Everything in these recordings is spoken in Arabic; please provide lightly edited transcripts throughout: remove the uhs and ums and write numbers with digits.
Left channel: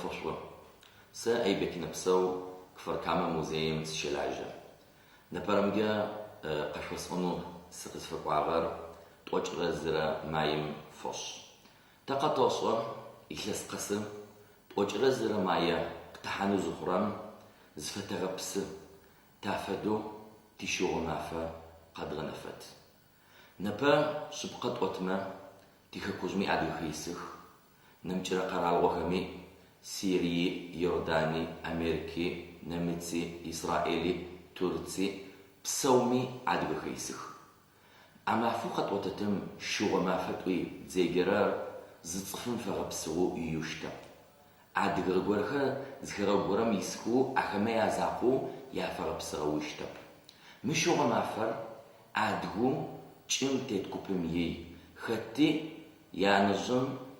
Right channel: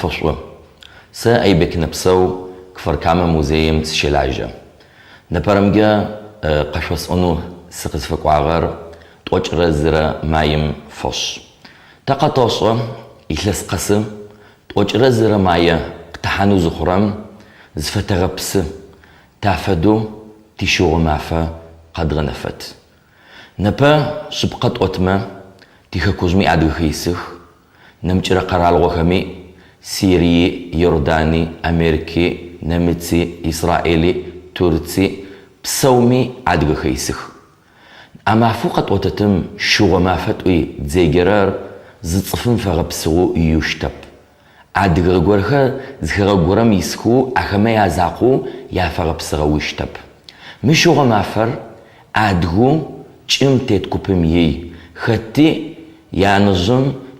فشوة سا أي بك نبسو كفر كاما موزيم سشلاجة نبرمجا قشوس أنو سقز فقواغر توج رزر مايم فش تقطوشو إخلص قسم توج رزر مايا تحانو زخرم زفتغبس تافدو تشوغ مافا قدر نفت نبا شبقت أتما تيخكوزمي عدو خيسخ نمجر قرال وخمي سيري يورداني أمريكي نمتسي إسرائيلي تورتسي بسومي عدو خيسخ أما فوقت أتتم شوغ مافت وي زيجرار زتصفن فغبسو يوشتب عدو غورخا زخرا غورم يسخو أخما يازاقو يا فغبسغو يشتب مشوغ مافر عدو چم تتكوبم يي خطي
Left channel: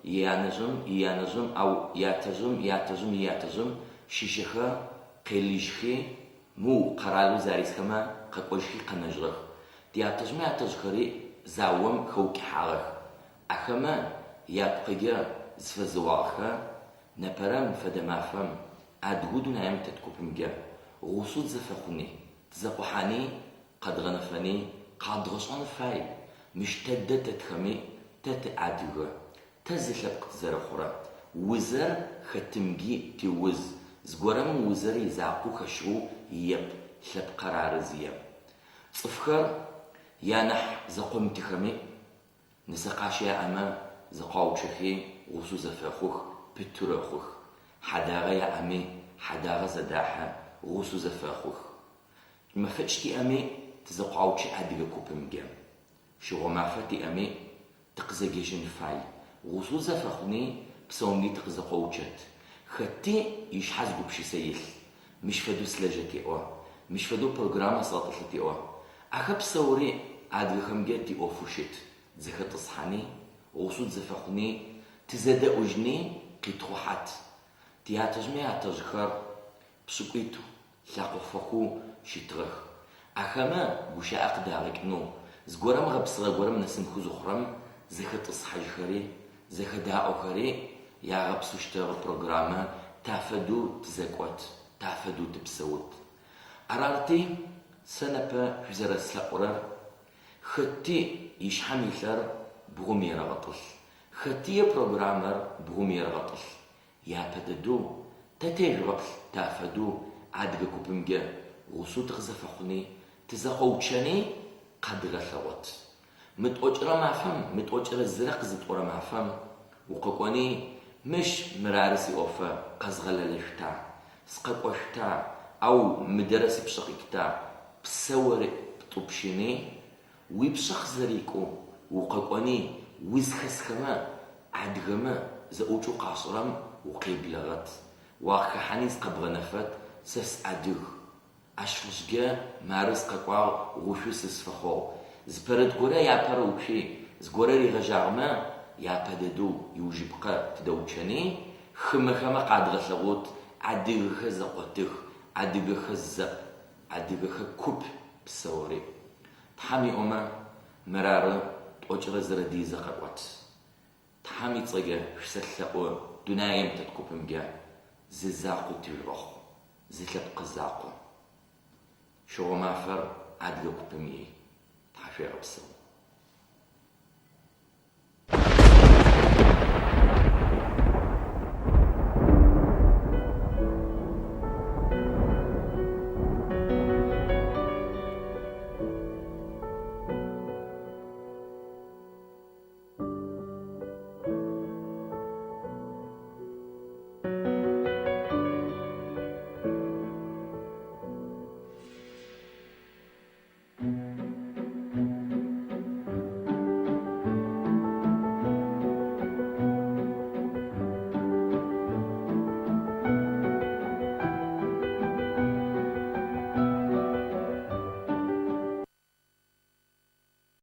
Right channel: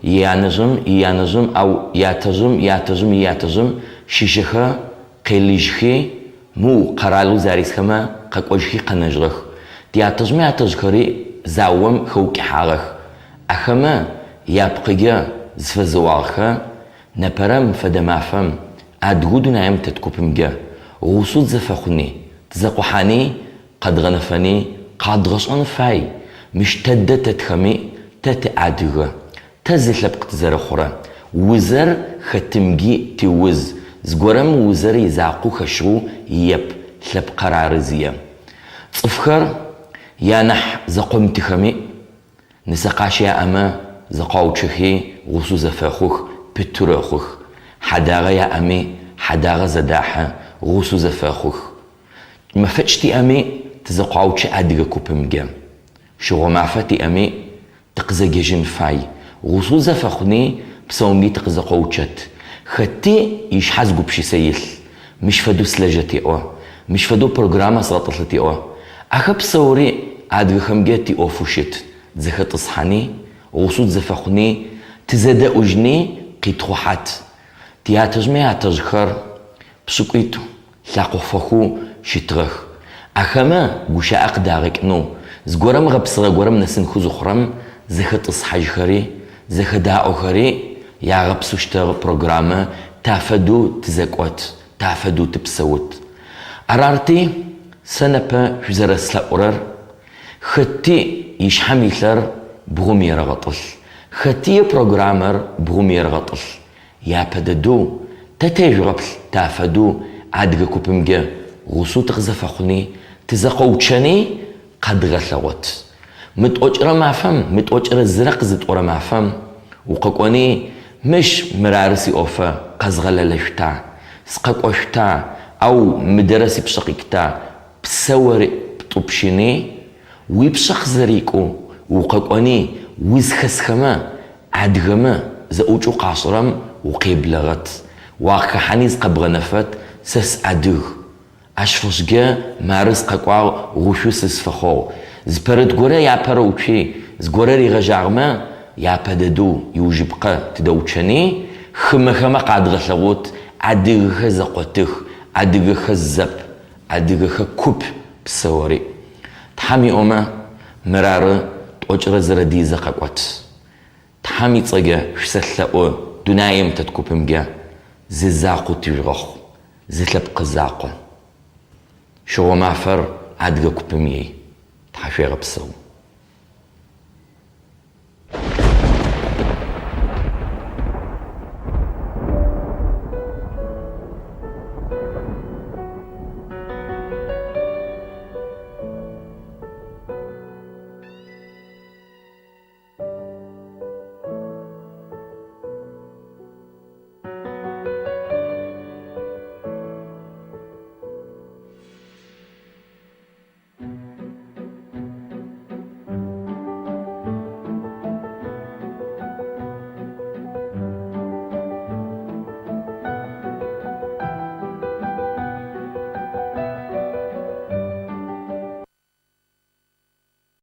يانجم أو ياتجم شيشخا قليجخي مو قرالو زاريس خما قاقوجخي قنجرخ ياتجخري زاوم خوكي حارخ أخما يابقيا زفزوارخا نبرم فدمافم أدغودو نايم تتكوبمجا غوصود زفخوني تزاقوحاني قد غنفاني قد غشان فاي مش تدى تتخمي تتعدغ تزلب قتزر خورا وزر ختمجي توز زغورم وزر يزاقو خشرو يب لب قرار زيا صفخر يانح زقوم تخمي نسقاش يا أما زقاوتشخي غوصو زفاخوخ بتروخوخ حداغا يا أمي حداغا زداحة غوصو زفاخوخ ما فتشتي أمي تزقاوتش أدغا كوبمجا شغو معفتي أمي تقزججن فاي غوصو زفاخني بسومي تقزقاوتشت خطي يشحزقو بشي سيل مش فدو سلاجتي مش فدو برنامج سلطلتي أخب صوري أدغا خمجاتي فوشت زخط صحاني غوصو زفاخني تزادا أجني قيتخوحات تياتجمي أتجخر بسكويتو لاقو فخو شترخ أخما غوشا أقدارك نو زغورم غبصغا غورم نسنخو زخرم زخط صحاجخري زخداء خري يا غبصو شتر برنامج تافدو تزكوت تافدو تبسوت أرارتي سنبا جزرسلا أورر خطي يشحميلر بغم يرغطل خطي برنامج بغم يرغطل يا بددو تتجربل تافدو عدغ كوبمجا غوصو تغزفخني تزقوتشني قد غثوت متوجر مافم متوجر زرق زتور مافم وققوني مش مرارسي اوفا قزغللشتا سققوشتا او مدرسي بشقيكتا بسور بطبشيني ويبشق زريكو وققوني وزخسخما عدغما زأوجو قاصرم وقيبلغت واخا حنيز قبغنفت سس عدغ أشفشجا مارس قاقوا غوشو سسفخو زبرد غورا يا باروتشي زغورا ريغجارما يا بددو يوجبقا تدوتشني خما قاد غثغوت عدغ زقوتخ عدغ خزب عدغ كوب بسوري تحمي اوما مرار توجر زردي زقاقوت تحمي صجا شسلقو دنايم تتكوبمجا ززاقو تيرخ زلب قزاقو شو معفر عدغ كوبمي تحشي غبسو